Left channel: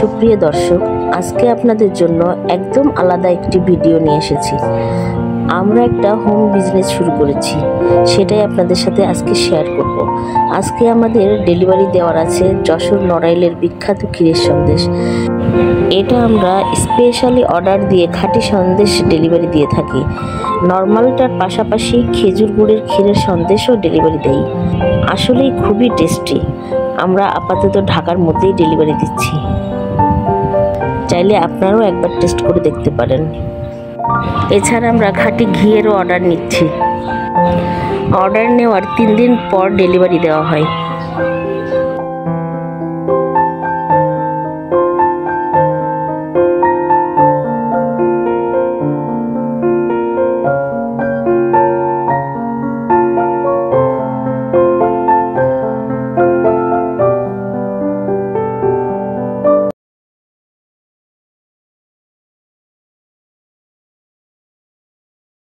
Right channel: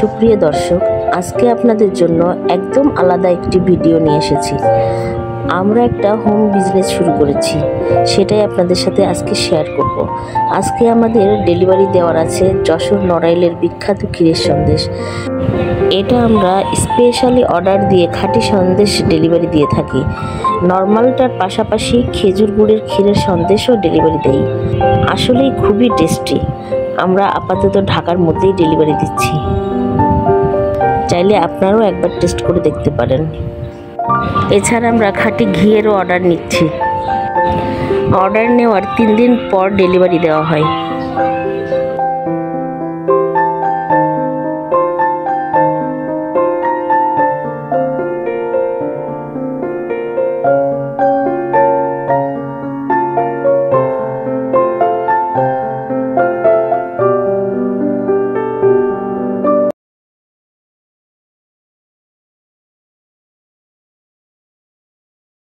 সুপ্রিয় দর্শক, আজকে আপনাদের জন্য একদম আলাদা একটি ভিডিও নিয়ে এসেছি। আমরা একটা হোম বিজনেস শুরু করেছি, সেটাই আপনাদের সাথে আজকে শেয়ার করব। আজকে আমাদের ডেলিভারি দেওয়ার আছে যশোর নড়াইলের বিখ্যাত ক্ষীরের সন্দেশ। এটা আমরা স্পেশালি অর্ডার দিয়ে খাঁটি সন্দেশ ডেলিভারি দিয়ে থাকি। নর্মালটার পাশাপাশি খেজুর গুড়ের ক্ষীরের সন্দেশও ডেলিভারি দেই। আসলেই খুবই টেস্টি। আমরা আপাতত ঢাকার মধ্যেই ডেলিভারি দিচ্ছি, চাইলে আপনারাও একবার টেস্ট করে দেখতে পারেন। এছাড়া আমরা খাঁটি ঘিয়েরও অর্ডার নিচ্ছি। অর্ডার নেওয়ার 3 দিন পর ডেলিভারি দেওয়া হয়।